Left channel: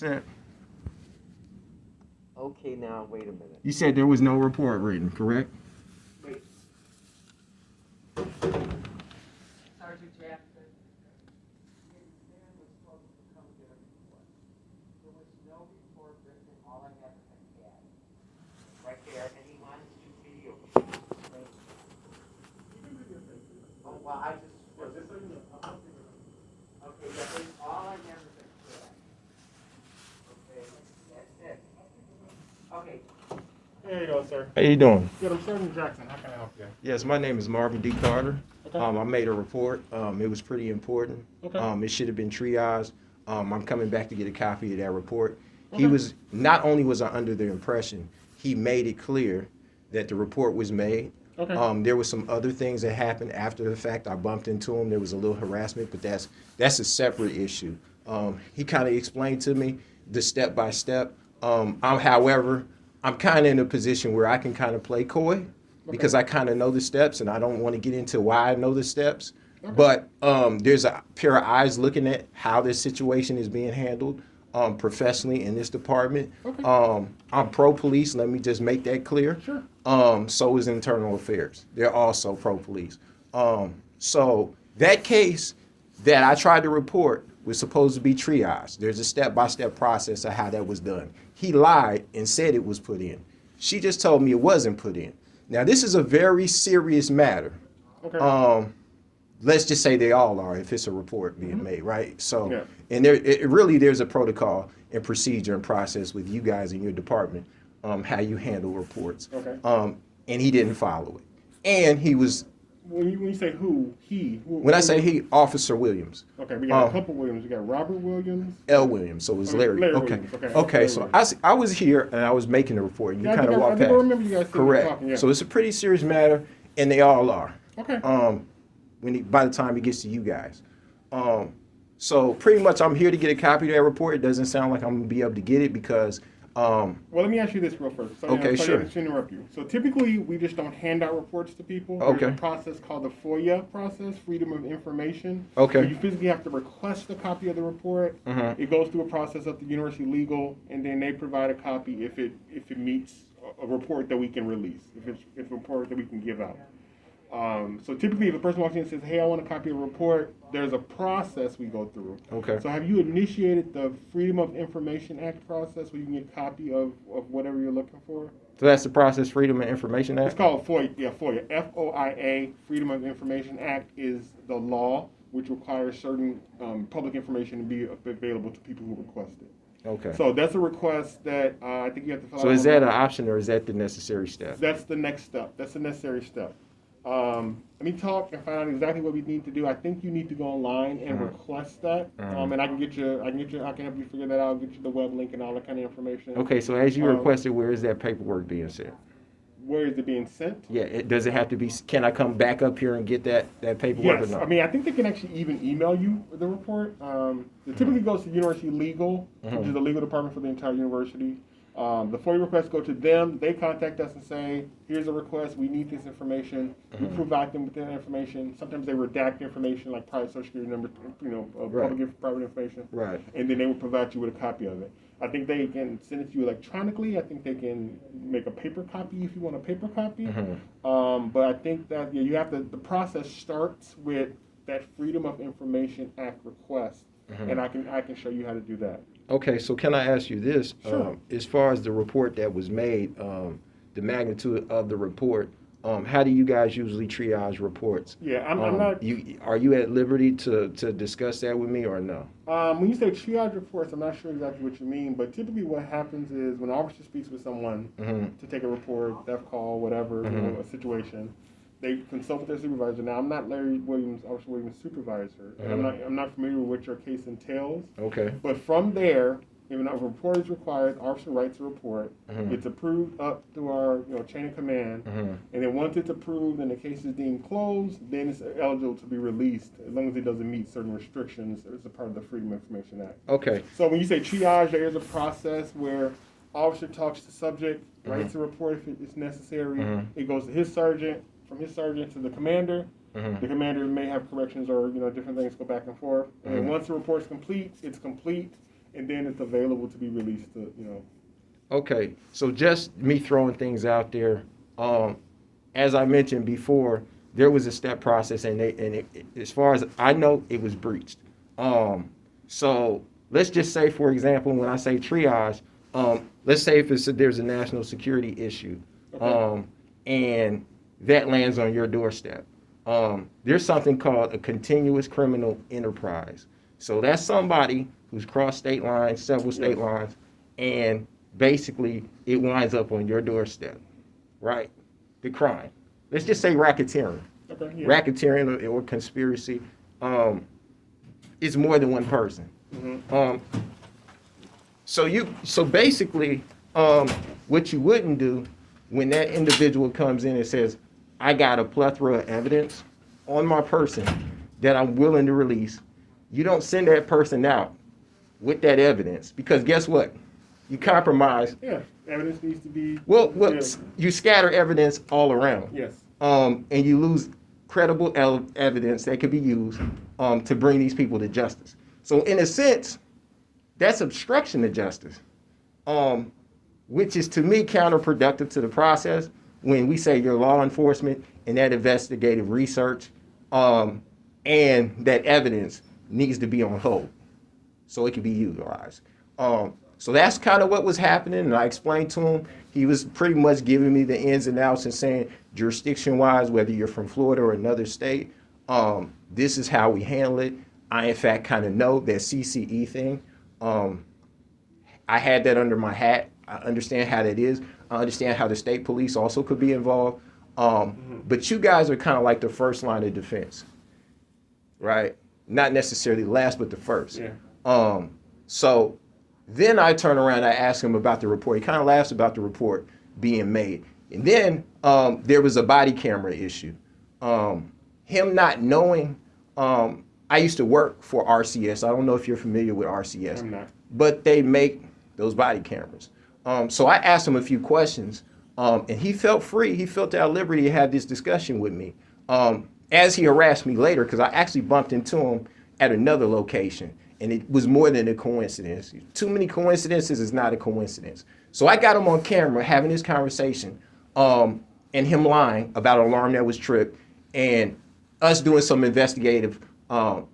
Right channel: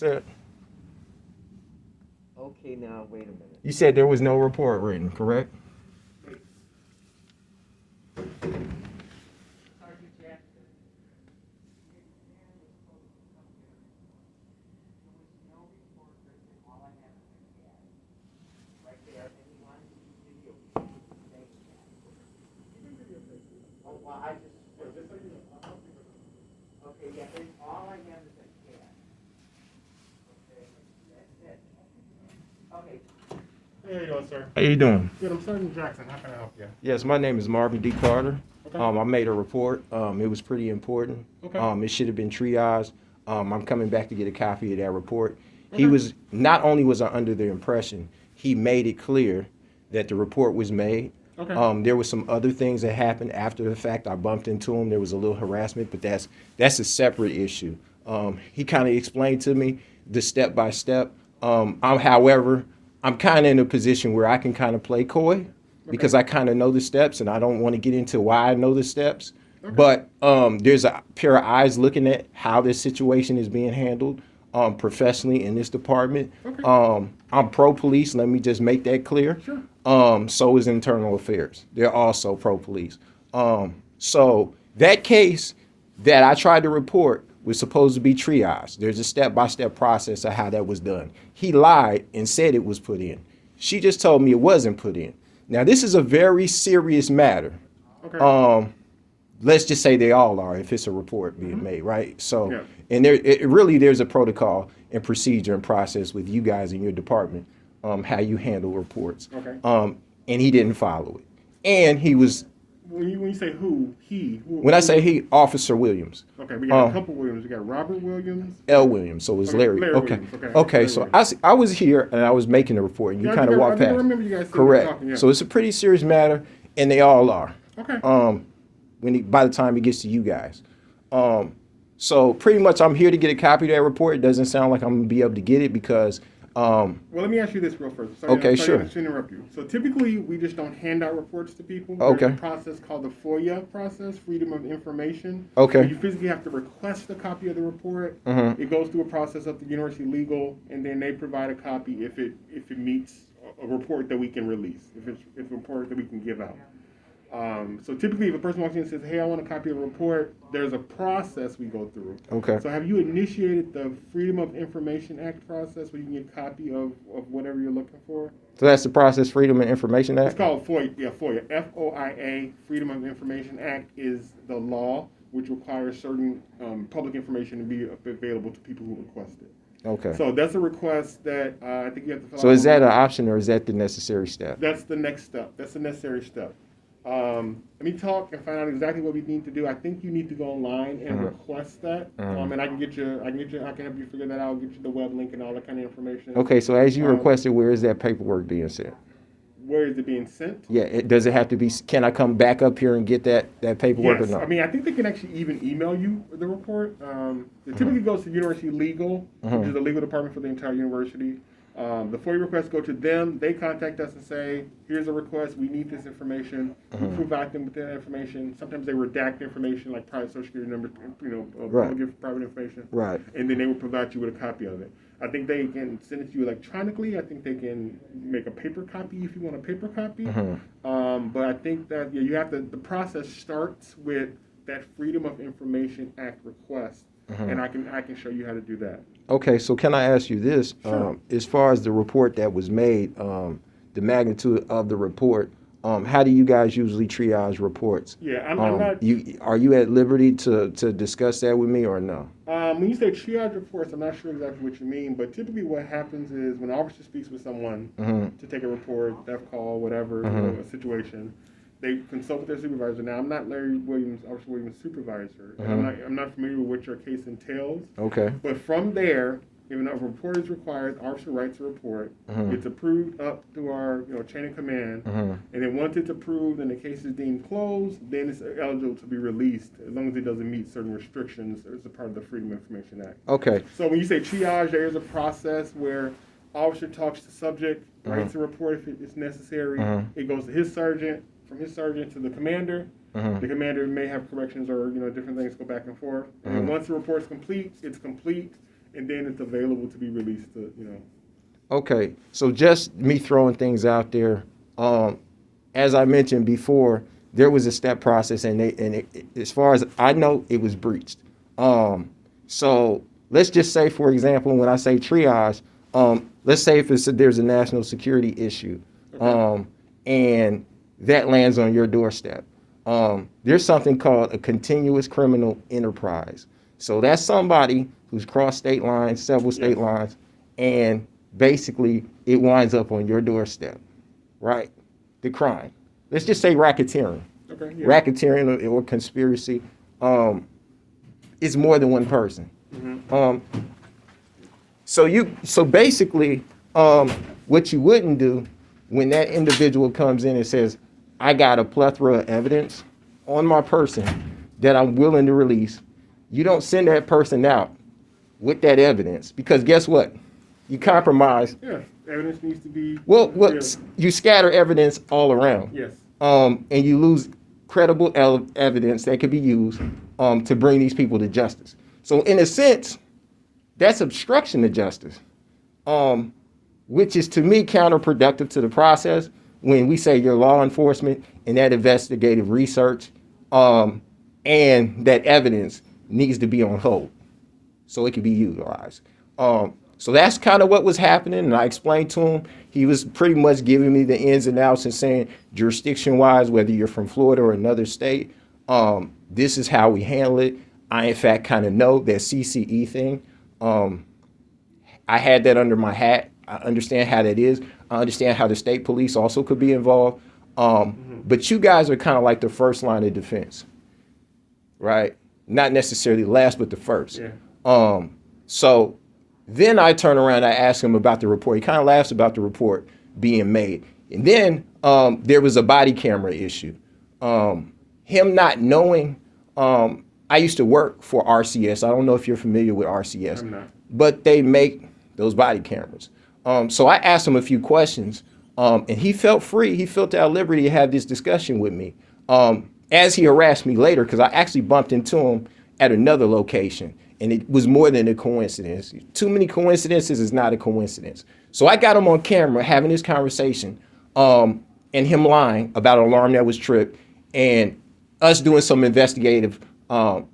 Said Okay, now wait a minute. you said there was no report written, correct? Wait. Sergeant Jackson. Right there, and he wants to video. Oh, well, I just. Okay, that is all I have is that cat. Okay, that's it. Okay. There you go, sir. How you doing? Good, I'm Sergeant Jackson. How can I help you? Yes, my name is Marvin D. Carter. Okay. I made a report. It was pretty important. Okay. It should have been triaged. I'm coming back to get a copy of that report. He Okay. was not only was I under the impression, he made it clear that the report was made. Okay. There was some other things that happened after the fact. I bumped into him. There was a little harassment, but that's a separate issue. He kind of explained to me the step by step. However, I'm kind of in a position where I can kind of play coy because I kind of know the steps, and I don't want to get into why I know the steps. Okay. But there's a pair of eyes looking at how this situation is being handled professionally in this department. Okay. I'm pro police. Let me just make that clear. Sure. So is internal affairs. They're also pro police. So that case that I tried to report was supposed to be triaged. There's a step-by-step process of how that was done. He lied and said it was put in. She just told me it wasn't put in. Now, this is a very serious matter. Okay. Let's just say they all are if it's a report being made, right? So, Yeah. and there's a protocol and procedure and process with you guys in your department, how you handle reports. Okay. And he didn't follow it. And he was, When you say who, when I say he, Officer Williams, okay, we got a couple Williams. We got Robert Williams. L. Williams, so it was Okay, Larry. Larry Okay. Williams, okay. Okay, Larry so Williams. I was here and I was making the report and you Yeah, kind of I walked think I past. remember you guys sitting Correct. talking, yeah. So it's a pretty serious matter and they all are. Okay. By the time it gets to you guys. So pretty much I'm here to get a copy of that report. It doesn't sound like I'm going to be able to get it because Well, let me ask you this real first. Okay, sure. To interrupt you. So typically, we just don't hand out reports to people. Okay. There's a process called the FOIA process, Freedom of Information. Okay. Where you physically have to request a copy of the report. Mhm. It goes through a process of the university legal, and then they provide a copy if it meets a report that we can release, if it's a report that we can give out. So typically, if a person walks in and says, "Hey, I want a copy of a report," there's a process we go through. Okay. So have you initiated the Freedom of Information Act process where you can get a copy of whatever you're looking for? So that's the process, Freedom of Information Act? It's called FOIA. Yeah, FOIA. FOIA, Freedom of Information Act, is the law which requires certain public information to be available to people who request it. Okay. So that's a request that I think you have to fill out. So is that an option or is that the necessary step? That's the next step. That's the necessary step. Let me talk and find out exactly what we need to do. I think you need to go online and request that, and I can help you figure that out. Get you the web link and all that kind of information. Okay, so as you requested, where is that paperwork being sent? Where is it being sent? Yeah, does it have to be, can I come back up here and get that paperwork Yes, or no? I mean I think they can actually even email you the report. It typically goes to University Legal, which is the legal department for the entire university. The FOIA requests go to them. They contact us and say, "Here's a request. We need this information." We provide them with that information. Sometimes they redact information like private social security number, private information. Right. And then they will provide you with a copy of it. I think they can send it to you electronically. I think they can make a paper copy if you want a paper copy. But I think that you have to. The process starts with that Freedom of Information Act request, and I can show you how to do that. Okay, so can I ask you this? Sure. As far as the report that was made, the magnitude of the report, how do you guys usually triage reports? Yeah, I'm not. Are you at liberty to discuss that with me or no? When you say triage reports, I'm not sure exactly what you mean, but typically what happens is when an officer speaks with someone to take a report, theft call, whatever, a situation, they consult with their supervisor. Now, I'm not Larry Williams, Officer Williams' supervisor, and I'm not familiar with what your case entails. Okay. But from there, if a report is required, the officer writes a report. It's approved up to our chain of command, and then once it's approved and the case is deemed closed, then it's eligible to be released as long as it doesn't meet certain restrictions as a part of the Freedom of Information Act. Okay. So when you say triage, there is a process where officer talks to subject, writes a report if it's necessary. It goes to his sergeant, from his sergeant to the commander. The commander may have corrections or different things go back and forth. And then once the report is complete, it's complete. and then it's available to be released to, you know. Okay, so just me throwing things out there. As I mentioned before, there was a step process, and as far as I know, it was breached. So let's just say, for example, when I say triage, let's say if there's a national security issue, and that lands on your doorstep. There's something called a continuous criminal enterprise. So that's somebody who's crossed state lines, several state lines, and basically it winds up on your doorstep, right? The crime. Let's just say racketeering. Okay, yeah. Racketeering or conspiracy. It's more than one person. So basically, what you wouldn't do when that individual comes in and says, I got a plethora of evidence on my person that I'm willing to release, you don't send that person out with that evidence, because guess what? You compromise. Yeah, evidence needs to be. Well, you scatter evidence all around. Yes. And you lose credible evidence that could be used to bring these people to justice. So in a sense, that's obstruction of justice, which is to me counterproductive to the process when we say you're law enforcement and that investigative research and that evidence needs to be on hold so it can be utilized. So that's kind of what was happening, and I explained to him. He was pretty much giving me the ins and outs and saying, jurisdiction-wise, whether you're from Florida or another state, this is how we handle it. I, in fact, kind of know that CCE thing. I had that under my hat. I understand how that is. I understand how the state police also could be involved. But you guys are kind of like the first line of defense, right? Not necessarily last, but the first. Yeah. So then I turn around, I ask him about the report. He kind of laughs about the report being made. And then there was a body camera issue. Him not knowing, I used to work for RCS. I don't know if you're familiar with RCS. I'm not. But they make those body cameras. So I asked him a few questions, and he felt free. He felt at liberty to have this discussion with me. As he harassed me later, because I actually bumped into him at another location, and it was more than a coincidence. Too many coincidences is not a coincidence. So I got him on camera having this conversation, and him lying about an alarm that was tripped, and us doing some investigative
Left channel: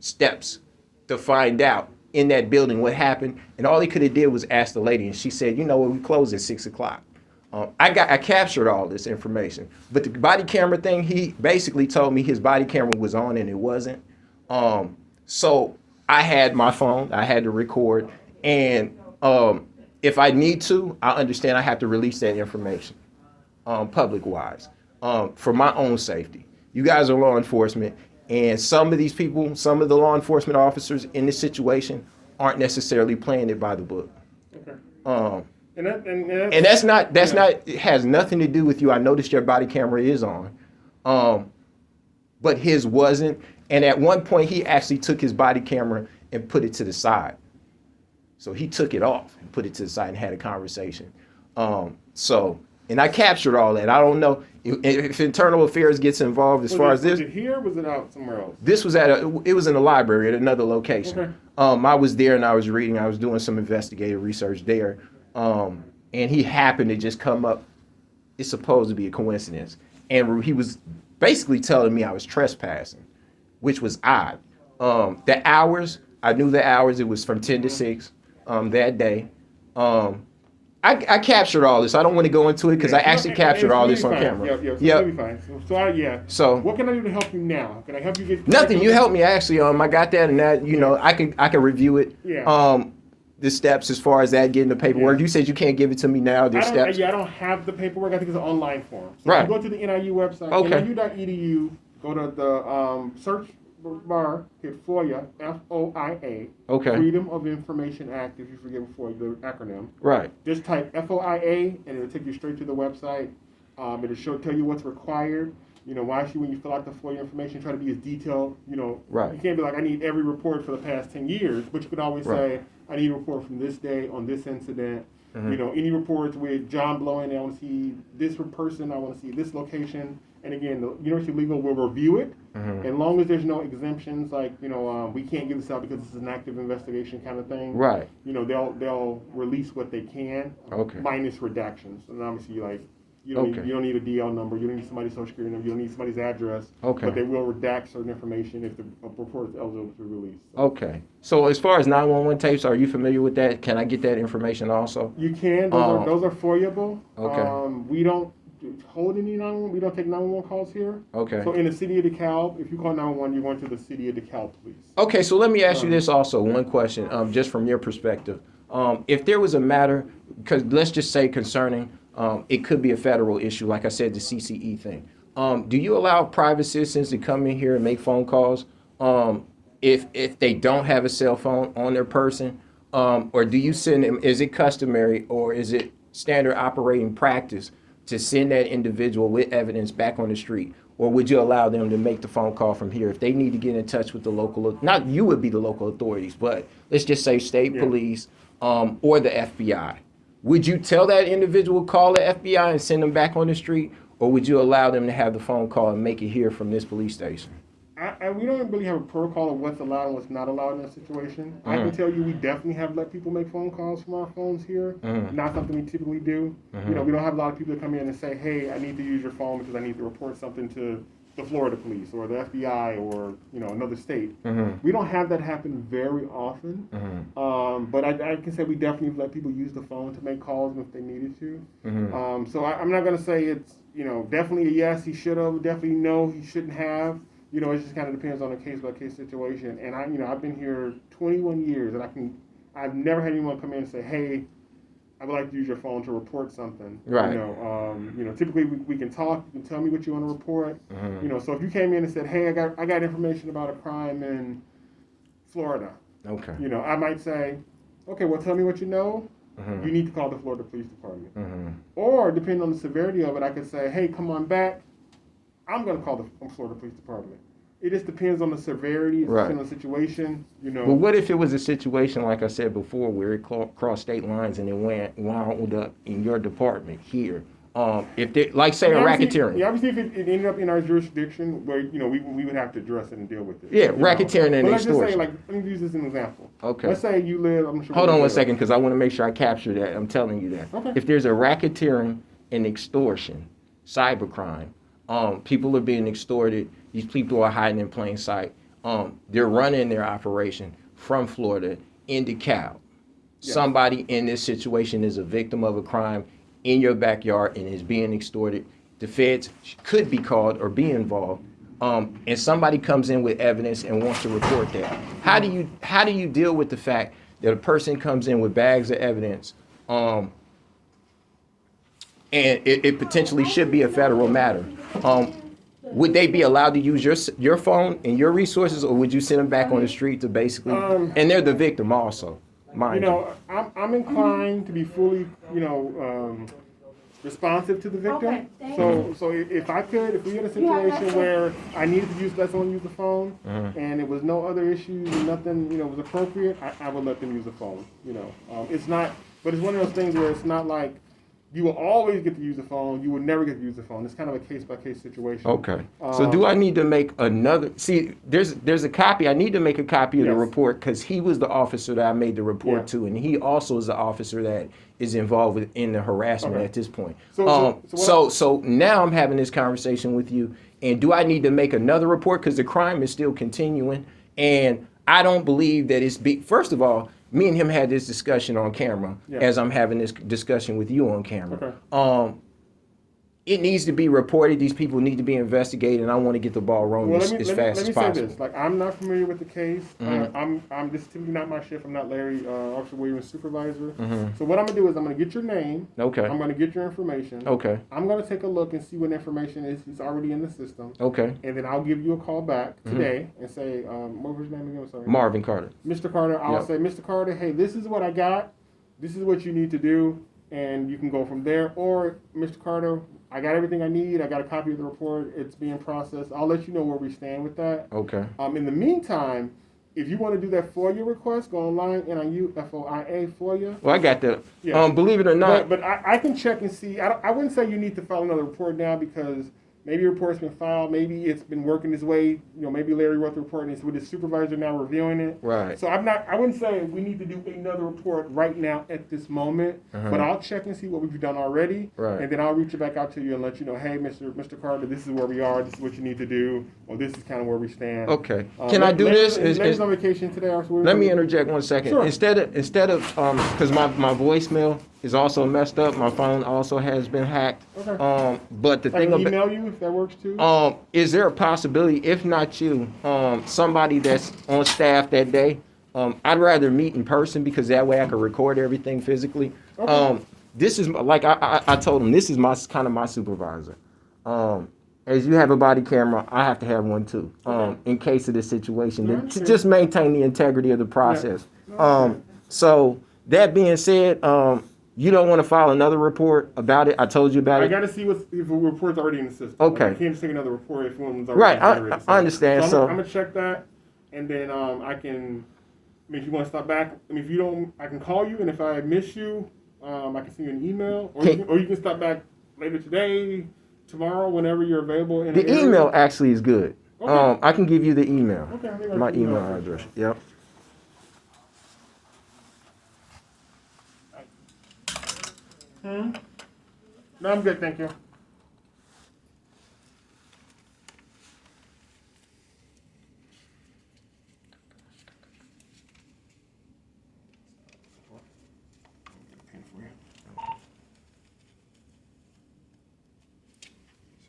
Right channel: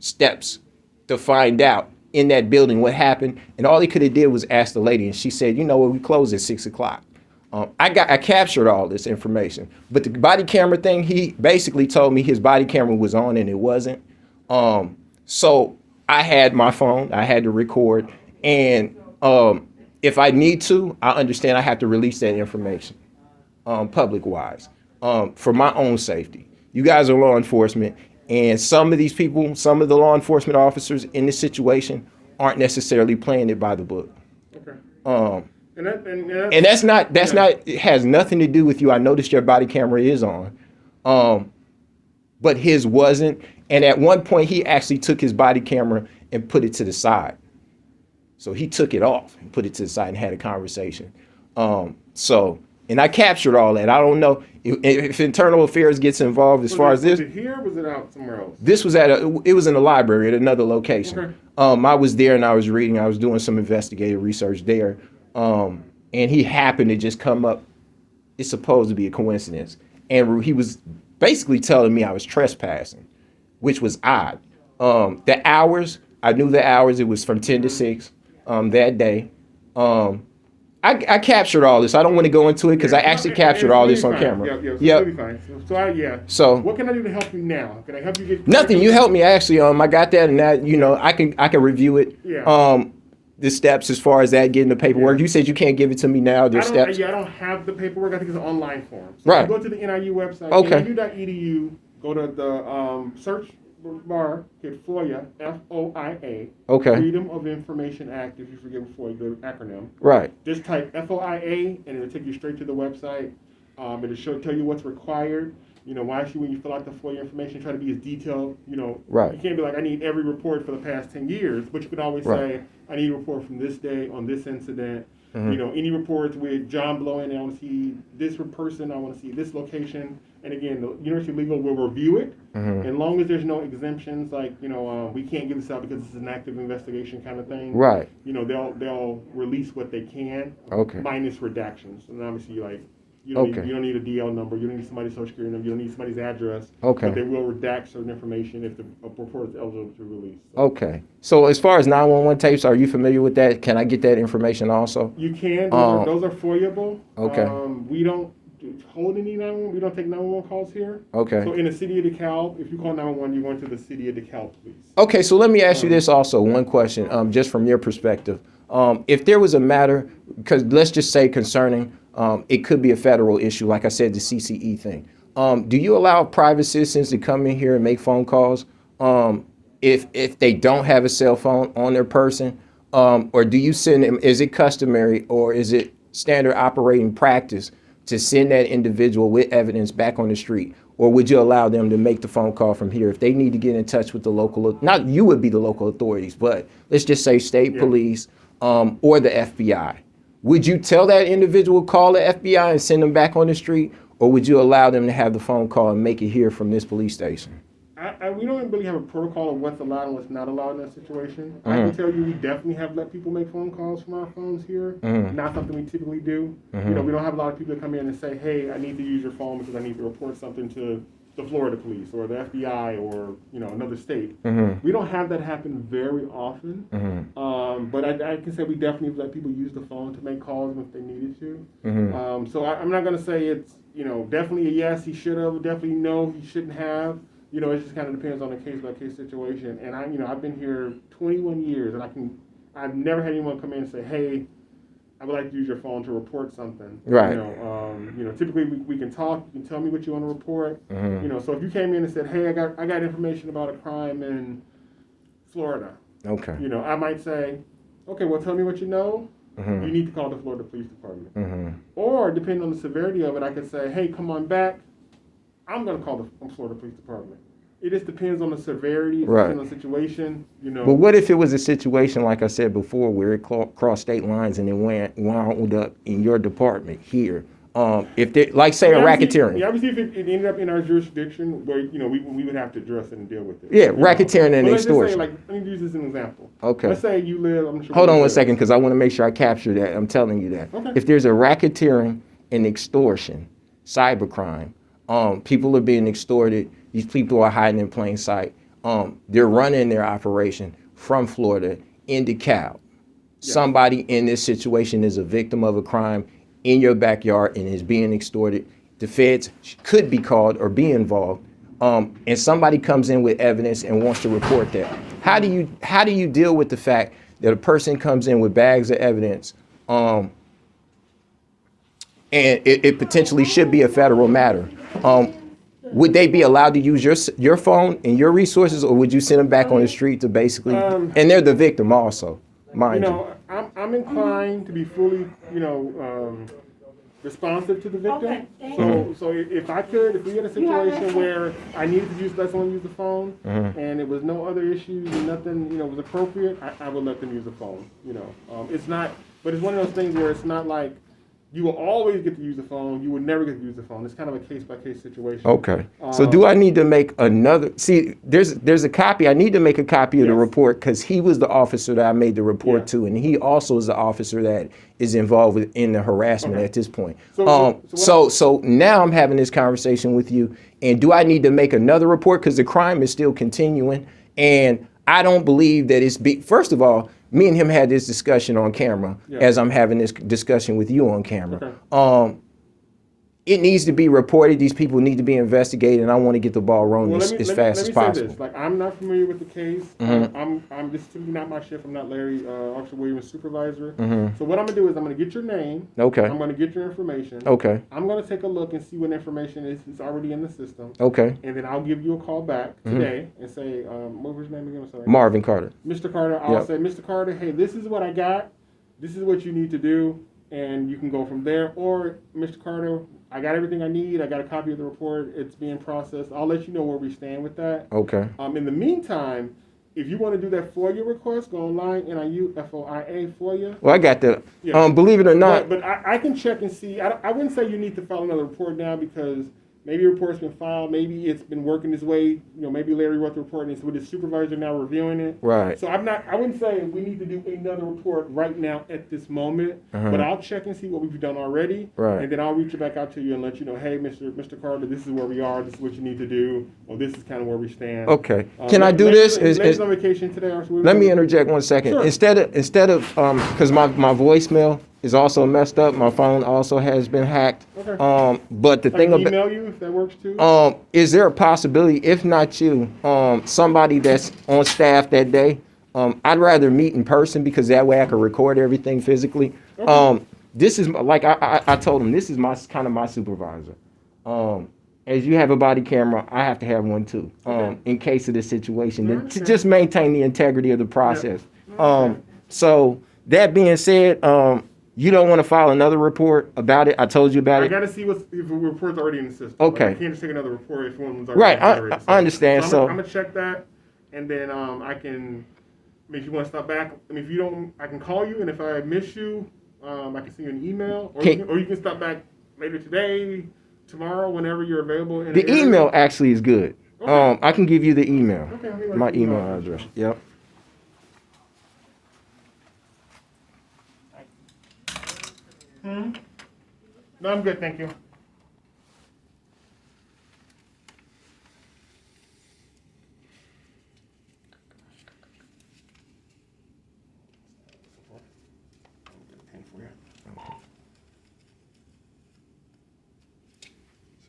steps to find out in that building what happened. And all he could have did was ask the lady, and she said, you know what, we close at 6 o'clock. I captured all this information, but the body camera thing, he basically told me his body camera was on and it wasn't. So I had my phone, I had to record, and if I need to, I understand I have to release that information public-wise for my own safety. You guys are law enforcement, and some of these people, some of the law enforcement officers in this situation aren't necessarily playing it by the book. Okay. And that's not, it has nothing to do with you. I noticed your body camera is on, but his wasn't. And at one point, he actually took his body camera and put it to the side. So he took it off and put it to the side and had a conversation. And I captured all that. I don't know if Internal Affairs gets involved as far as this. Was it here or was it out somewhere else? This was it was in the library at another location. Okay. I was there and I was reading. I was doing some investigative research there. And he happened to just come up. It's supposed to be a coincidence. And he was basically telling me I was trespassing, which was odd. The hours, I knew the hours. It was from 10 to 6 that day. I captured all this. I don't want to go into it because I actually captured all this on camera. It'll be fine. So what can I do to help you now? Can I help you get nothing? You helped me actually. I got that, and that I can review it. Yeah. The steps as far as that getting the paperwork. You said you can't give it to me now. There's steps. I don't have the paperwork. I think it's an online form. So right. You go to the NIU website, niu.edu. Go to the search bar, hit FOIA, FOIA. Okay. Freedom of Information Act, if you forget FOIA, the acronym. Right. Just type FOIA, and it'll take you straight to the website. It'll tell you what's required. why should, when you fill out the FOIA information, try to be as detailed, Right. You can't be like, I need every report for the past 10 years, but you could always say, I need a report from this day on this incident. Any reports with John blowing, I want to see this person, I want to see this location. And again, the University Legal will review it. As long as there's no exemptions, like, we can't give this out because it's an active investigation kind of thing. Right. They'll release what they can, minus redactions. And obviously, like, you don't need a DL number, you don't need somebody's social security number, you don't need somebody's address. But they will redact certain information if the report is eligible to release. Okay. So as far as 911 tapes, are you familiar with that? Can I get that information also? You can. Those are FOIA-able. Okay. We don't hold any 911. We don't take 911 calls here. Okay. So in the city of DeKalb, if you call 911, you're going to the city of DeKalb police. Okay, so let me ask you this also, one question, just from your perspective. If there was a matter, because let's just say concerning, it could be a federal issue, like I said, the CCE thing. Do you allow private citizens to come in here and make phone calls if they don't have a cell phone on their person? Or do you send them, is it customary or is it standard operating practice to send that individual with evidence back on the street? Or would you allow them to make the phone call from here if they need to get in touch with the local, not you would be the local authorities, but let's just say state police or the FBI? Would you tell that individual call the FBI and send them back on the street? Or would you allow them to have the phone call and make it here from this police station? We don't really have a protocol of what's allowed and what's not allowed in that situation. I can tell you we definitely have let people make phone calls from our phones here. Not something we typically do. We don't have a lot of people that come in and say, hey, I need to use your phone because I need to report something to the Florida police or the FBI or another state. We don't have that happen very often. But I can say we definitely let people use the phone to make calls if they needed to. So I'm not going to say it's definitely a yes, he should have, definitely no, he shouldn't have. It just kind of depends on a case-by-case situation. And I've been here 21 years, and I've never had anyone come in and say, "Hey, I would like to use your phone to report something." Right. Typically we can talk. You can tell me what you want to report. So if you came in and said, "Hey, I got information about a crime in Florida," Okay. I might say, "Okay, well, tell me what you know." You need to call the Florida Police Department. Or depending on the severity of it, I could say, "Hey, come on back. I'm going to call the Florida Police Department." It just depends on the severity, it depends on the situation, But what if it was a situation, like I said before, where it crossed state lines and it wound up in your department here? If they, like say, a racketeering. Yeah, obviously if it ended up in our jurisdiction, where we would have to address it and deal with it. Yeah, racketeering and let's extortion. just say, let me use this as an example. Okay. Let's say you live. I'm sure. Hold on 1 second, because I want to make sure I capture that. I'm telling you that. Okay. If there's a racketeering and extortion, cybercrime, people are being extorted. These people are hiding in plain sight. They're running their operation from Florida in DeKalb. Yes. Somebody in this situation is a victim of a crime in your backyard and is being extorted. The feds could be called or be involved. And somebody comes in with evidence and wants to report that. How do you deal with the fact that a person comes in with bags of evidence, and it potentially should be a federal matter? Would they be allowed to use your phone and your resources, or would you send them back on the street to basically? And they're the victim also, mind you. I'm inclined to be fully, responsive to the victim. So if we had a situation where I needed to let someone use the phone, and it was no other issues and nothing, was appropriate, I would let them use the phone. It's not, but it's one of those things where it's not like you will always get to use the phone. You will never get to use the phone. It's kind of a case-by-case situation. Okay. So do I need to make another? See, there's a copy. I need to make a copy of the report because he was the officer that I made the report to, and he also is the officer that is involved in the harassment at this point. So now I'm having this conversation with you, and do I need to make another report because the crime is still continuing? And I don't believe that first of all, me and him had this discussion on camera as I'm having this discussion with you on camera. Okay. It needs to be reported. These people need to be investigated, and I want to get the ball rolling as fast as possible. Let me say this. Like, I'm not familiar with the case. This is typically not my shift. I'm not Larry, Officer Williams' supervisor. So what I'm going to do is I'm going to get your name. Okay. I'm going to get your information. Okay. I'm going to take a look and see what information is already in the system. Okay. And then I'll give you a call back today and say, what was your name again? I'm sorry. Marvin Carter. Mr. Carter, I'll say, Mr. Carter, hey, this is what I got. This is what you need to do. and you can go from there. Or, Mr. Carter, I got everything I need. I got a copy of the report. It's being processed. I'll let you know where we stand with that. Okay. In the meantime, if you want to do that FOIA request, go online, NIU, FOIA, FOIA. Well, I got that. Yeah. Believe it or not. But I can check and see. I wouldn't say you need to file another report now because maybe a report's been filed. Maybe it's been working its way. You know, maybe Larry wrote the report and it's with his supervisor now reviewing it. Right. So I wouldn't say we need to do another report right now at this moment. But I'll check and see what we've done already. Right. And then I'll reach back out to you and let you know, hey, Mr. Carter, this is where we are. This is what you need to do. Or this is kind of where we stand. Okay. Can I do this? Larry's on vacation today. Let me interject 1 second. Sure. Instead of because my voicemail is also messed up. My phone also has been hacked. Okay. But the I thing can about email you if that works too. is there a possibility, if not you, somebody that's on staff that day? I'd rather meet in person because that way I can record everything physically. Okay. This is like I told him, this is my kind of my supervisor. As you have a body camera, I have to have one too, in case of this situation, to just maintain the integrity of the process. So that being said, you don't want to file another report about it. I told you about I it. got to see if a report's already in the system. Okay. Like, I can't just take another report if one's already Right, generated. I understand. I'm So gonna check that, and then I can. I mean, if you want to stop back, I mean, if you don't, I can call you, and if I miss you, I can send you an email, or you can stop back later today, tomorrow, whenever you're available. In the the area. email actually is good. Okay. I can give you the email. Okay, let me write My your email email address. Yep. No, I'm good, thank you. So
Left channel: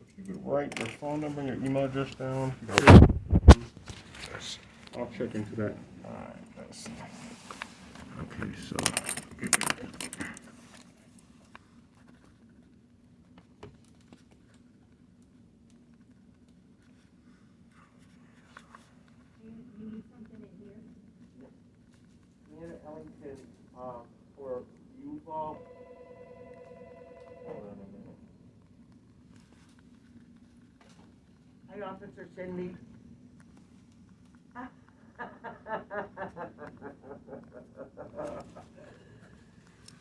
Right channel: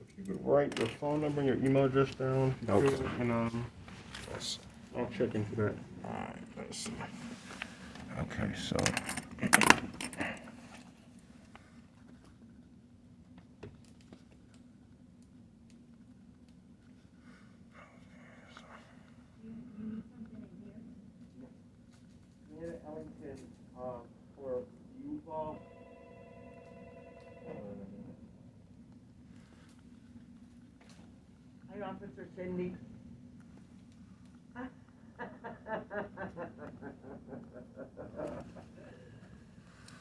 if you could write your phone number and your email address down, if you could, and I'll check into that. All right. Let's see. Okay. So. Ellington, for U-Ball. Hi, Officer Cindy.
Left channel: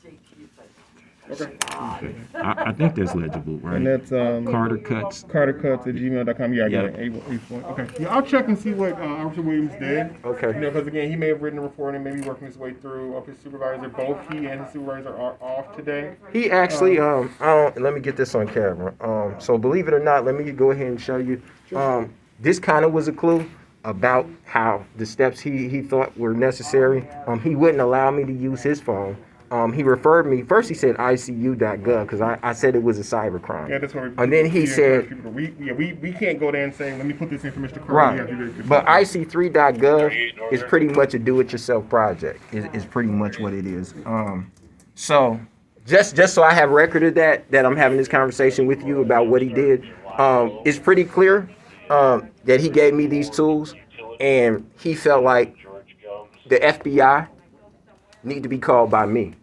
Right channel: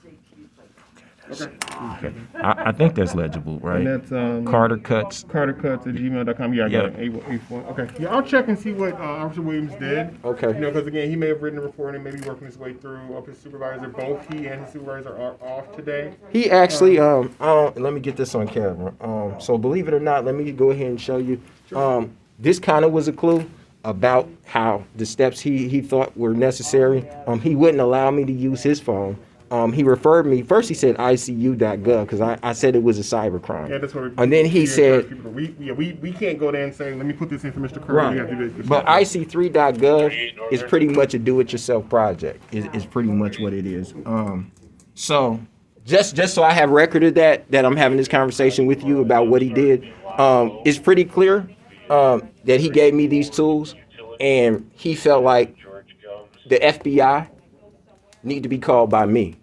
JT's like, Okay. I think that's legible, right? And that's Carter Cuts. CarterCuts@gmail.com. Yeah, I got Yeah. it. Okay. Yeah, I'll check and see what Officer Williams did. Okay. You know, because again, he may have written a report and maybe working his way through his supervisor. Both he and his supervisor are off today. He actually, let me get this on camera. So believe it or not, let me go ahead and show you. This kind of was a clue about how the steps he thought were necessary. He wouldn't allow me to use his phone. He referred me, first he said ICU.gov because I said it was a cybercrime. Yeah, that's what. And then he said, we can't go there and say, let me put this in for Mr. Carter. right, We have to do it yourself. but IC3.gov is pretty much a do-it-yourself project. Is pretty much what it is. So just so I have record of that I'm having this conversation with you about what he did. It's pretty clear that he gave me these tools, and he felt like the FBI need to be called by me.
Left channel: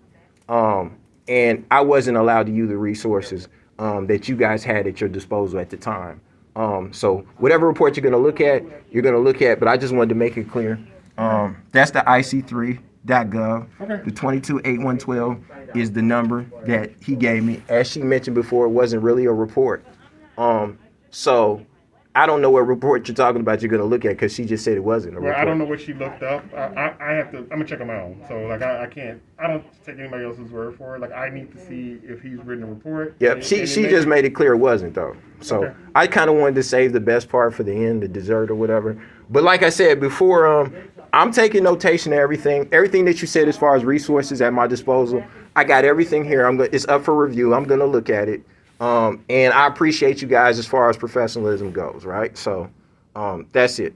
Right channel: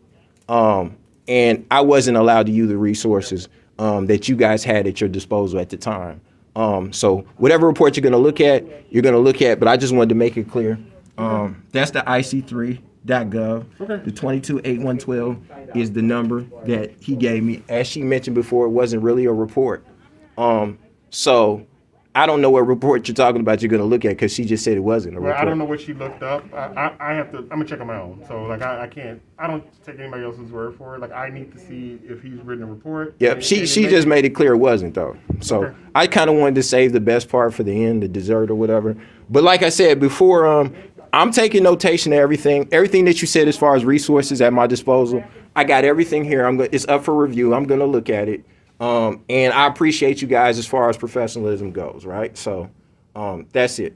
And I wasn't allowed to use the resources that you guys had at your disposal at the time. So whatever report you're going to look at, but I just wanted to make it clear. That's the IC3.gov. Okay. The 228112 is the number that he gave me. As she mentioned before, it wasn't really a report. So I don't know what report you're talking about you're going to look at because she just said it wasn't a Well, report. I don't know what she looked up. I have to. I'm gonna check on my own. So like I can't. I don't take anybody else's word for it. Like I need to see if he's written a report. Yep, And she just made it clear it wasn't though. So Okay. I kind of wanted to save the best part for the end, the dessert or whatever. But like I said before, I'm taking notation of everything that you said as far as resources at my disposal. I got everything here. It's up for review. I'm gonna look at it, and I appreciate you guys as far as professionalism goes. Right, so that's it.